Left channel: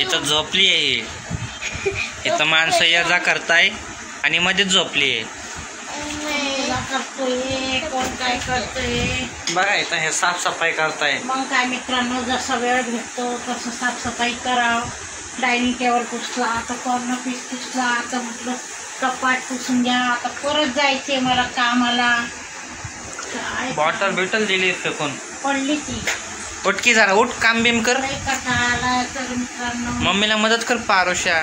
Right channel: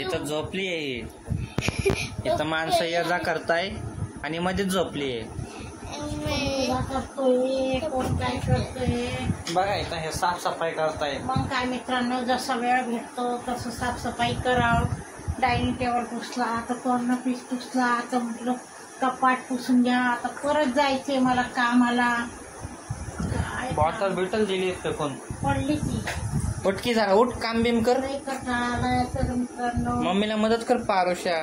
इथं झोपली आहे. इथं माणसं ये जा करताय आणि मध्येच झोपली आहे. कोण काय करतोय बघा इथं हे साफसफाई करताय. मग काय मित्रांनो, जसा वेळ भेटतो तसं साफसफाई करावं. डायनिंग टेबल पुसला, आता कॉर्नर पीस पुसला, आता म्हटलं कपाट पुसून घ्या. आता परत जायचे मला कामाला. बॉटल बिटल दिली फेकून पडली ती. उठकी जरा उठ, काम बिम कर. आला तर मित्रांनो मम्मीला मदत कर पारुष्या.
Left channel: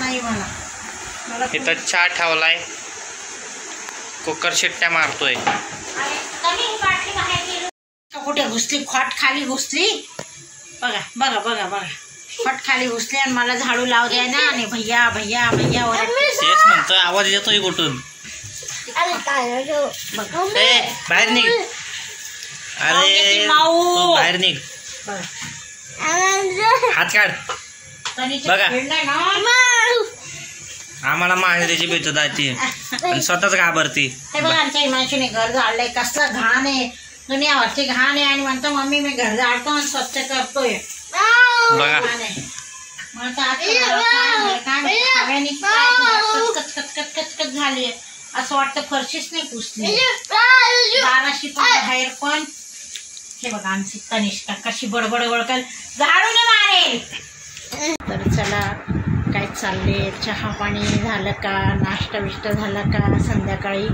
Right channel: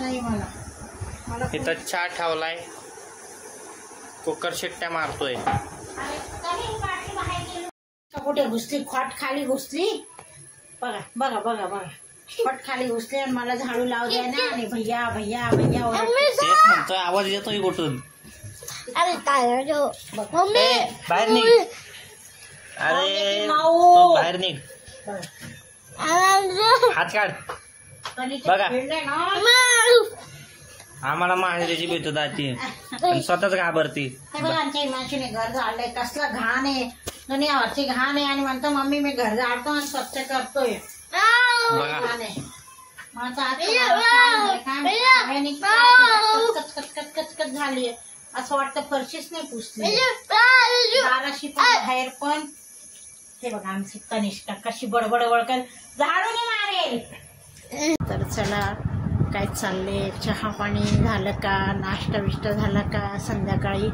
नाही मला इथं चहा ठेवलाय, कुकर शिट्ट्या मारतोय. कुठे घुसली? खोट खाली घुसली. बघा बघा बघा बघा, खोट खाली घुसली आणि मला झाडू लाव द्या ना. आणि भैया भैया भैया तेच म्हणतोय, आवाज येतोय कुठून? बाहेर निघ. अरे तू बाहेर निघ. हात काढ. बघा आम्हाला माहेरीची भेटत आहे आणि स्वतःच घाबरती. हे बघा आमच्या हिमांशीने घर झाडलंय. कसलं घाण आहे, दुनियावरची घाण आहे. आणि म्हणतो मम्मी मी घर झाडतो आणि स्वच्छ करतोय. बघा कचकच झालीये. असं वाटतं फरशीच नाही पुसली. दाराशी बाहेर पण. हे बघा आमची तनिष्का कशी बडबड बडकल झाडून मारेल. तर चला, काय चालले? चहा पाणी झालं का? नाश्ता बिष्टा झाला का? संध्याकाळी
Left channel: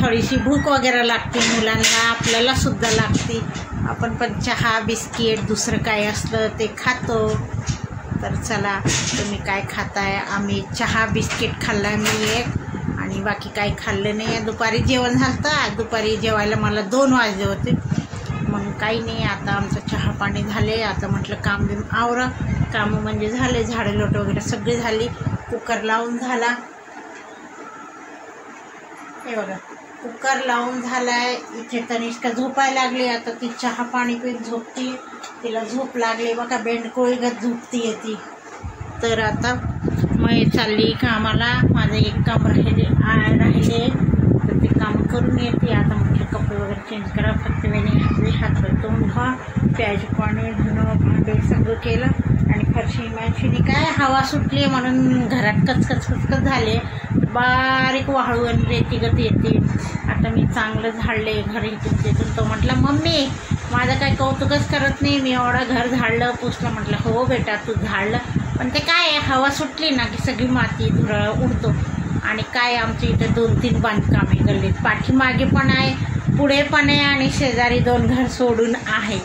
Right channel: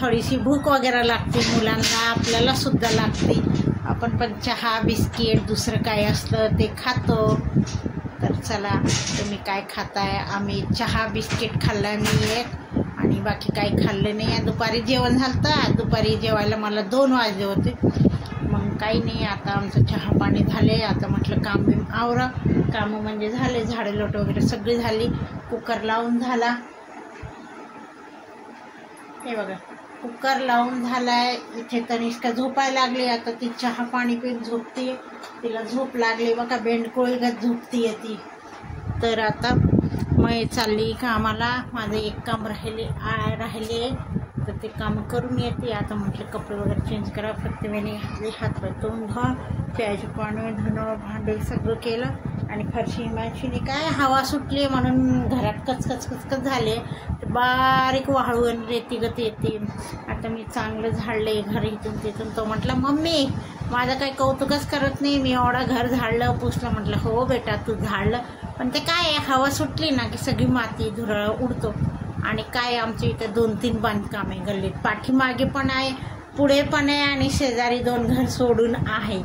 थोडीशी भूक वगैरे लागते मुलांना, आपल्याला सुद्धा लागते. आपण पण चहा बिस्किट दुसरं काय असलं ते खातो. तर चला, तुम्ही काय खाताय? आम्ही चहा बिस्किट खाल्ला मी एक, आणि बाकी काही खाल्लं नाही. दुपारी जेवण झालं. दुपारी जेवायला मला 2 वाजले होते. मग काही नाही, आता आमचं चहा पाणी झाले. आता म्हटलं काम बिम आवरा. कामं म्हणजे झाले, झाडे लोट वगैरे सगळी झाली. कुकर लावून झाला. हे बघा कुकर लावून झालाय. इथे तनिष्का झोपायला लागली. आता ती चहा पाणी पिऊन झोपती. तिला झोप लागली बघा, बेंडकोळीगत झोपती ती. तर आता मग चालली कामाला. माझं एक काम राहिले तर ते काम करून येते. आता म्हणजे कपडे वगैरे चेंज करा, फक्त वेणी घातली, हातवर तोंड धुवा, प्यायचे पाणी धुणं भांडे सगळं केलं. आणि फरशी मॅशीने काय हवा सुटली म्हणून घरात कचकच झाले. बारीक वाळू आणि रेती गत येते. आता मी चांगलं झाडले घरी. तो म्हटलं मम्मी माझं काय कौतुकच करत नाही, मी एवढं घर झाडलं पुसलं. म्हटलं हो बेटा तू झाडलं, पण ते काय हवा सुटली ना की सगळी माती धुरळा उडतो. आणि काय आमच्या इथं 2-3 बांधकामे गल्लीत, पाठीमागे पण आहे, पुढे पण आहे, आणि शेजारी 2 घर सोडून आहे.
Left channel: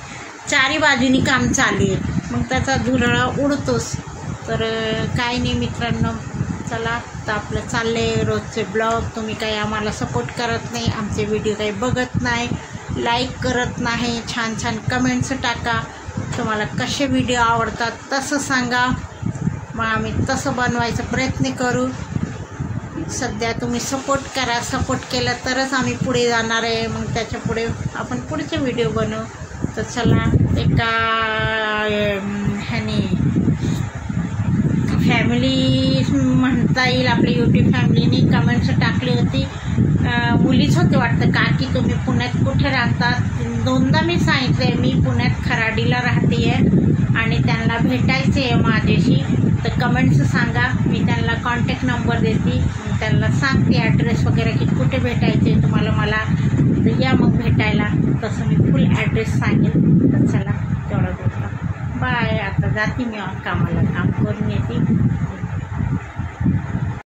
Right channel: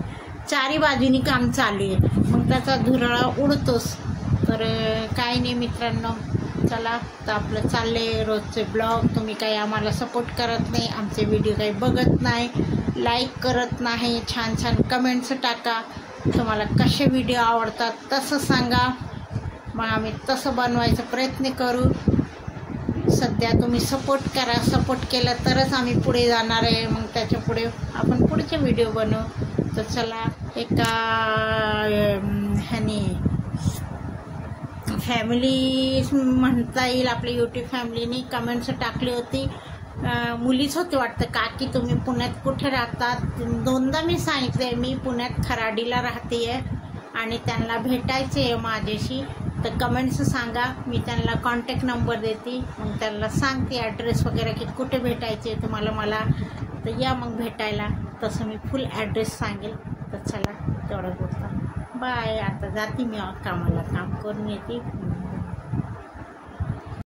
4 बाजूनी काम चालू आहे. मग त्याचा धुरळा उडतोच. तर काही नाही मित्रांनो, चला तर आपलं चालले रोजचे ब्लॉग. तुम्ही काही आम्हाला सपोर्ट करत नाही, आमचे व्हिडिओ काही बघत नाही, लाईक करत नाही, छान छान कमेंट्स टाका. तुम्हाला कसे व्हिडिओ आवडतात तसं सांगा, मग आम्ही तसं बनवायचा प्रयत्न करू. सध्या तुम्ही सपोर्ट करा. सपोर्ट केलं तरच आम्ही पुढे जाणार आहे. मग त्याच्या पुढे आपण पुढचे व्हिडिओ बनवू. तर चला, एका ह्याने फॅमिली म्हणता येईल आपली यूट्यूब फॅमिलीने कमेंट्स टाकली होती. मुलीच होते वाटतं, काकी तुम्ही पुण्यात कुठे राहतात? 2दा मी सांगितले मी पुण्यात खराडीला राहते आहे आणि त्यांना भेटायचे आहे माझ्याशी. तर कमेंट्स सांगा, मी त्यांना कॉन्टॅक्ट नंबर देते. मग त्यांना सांगते ॲड्रेस वगैरे की कुठे भेटायचे तुम्हाला. मला तर या मग भेटायला. तसं मी फुल ॲड्रेस सांगेन. तर चला तेवढं बोलतो. बाय. आता जाते मी कामाला, काम करून येते.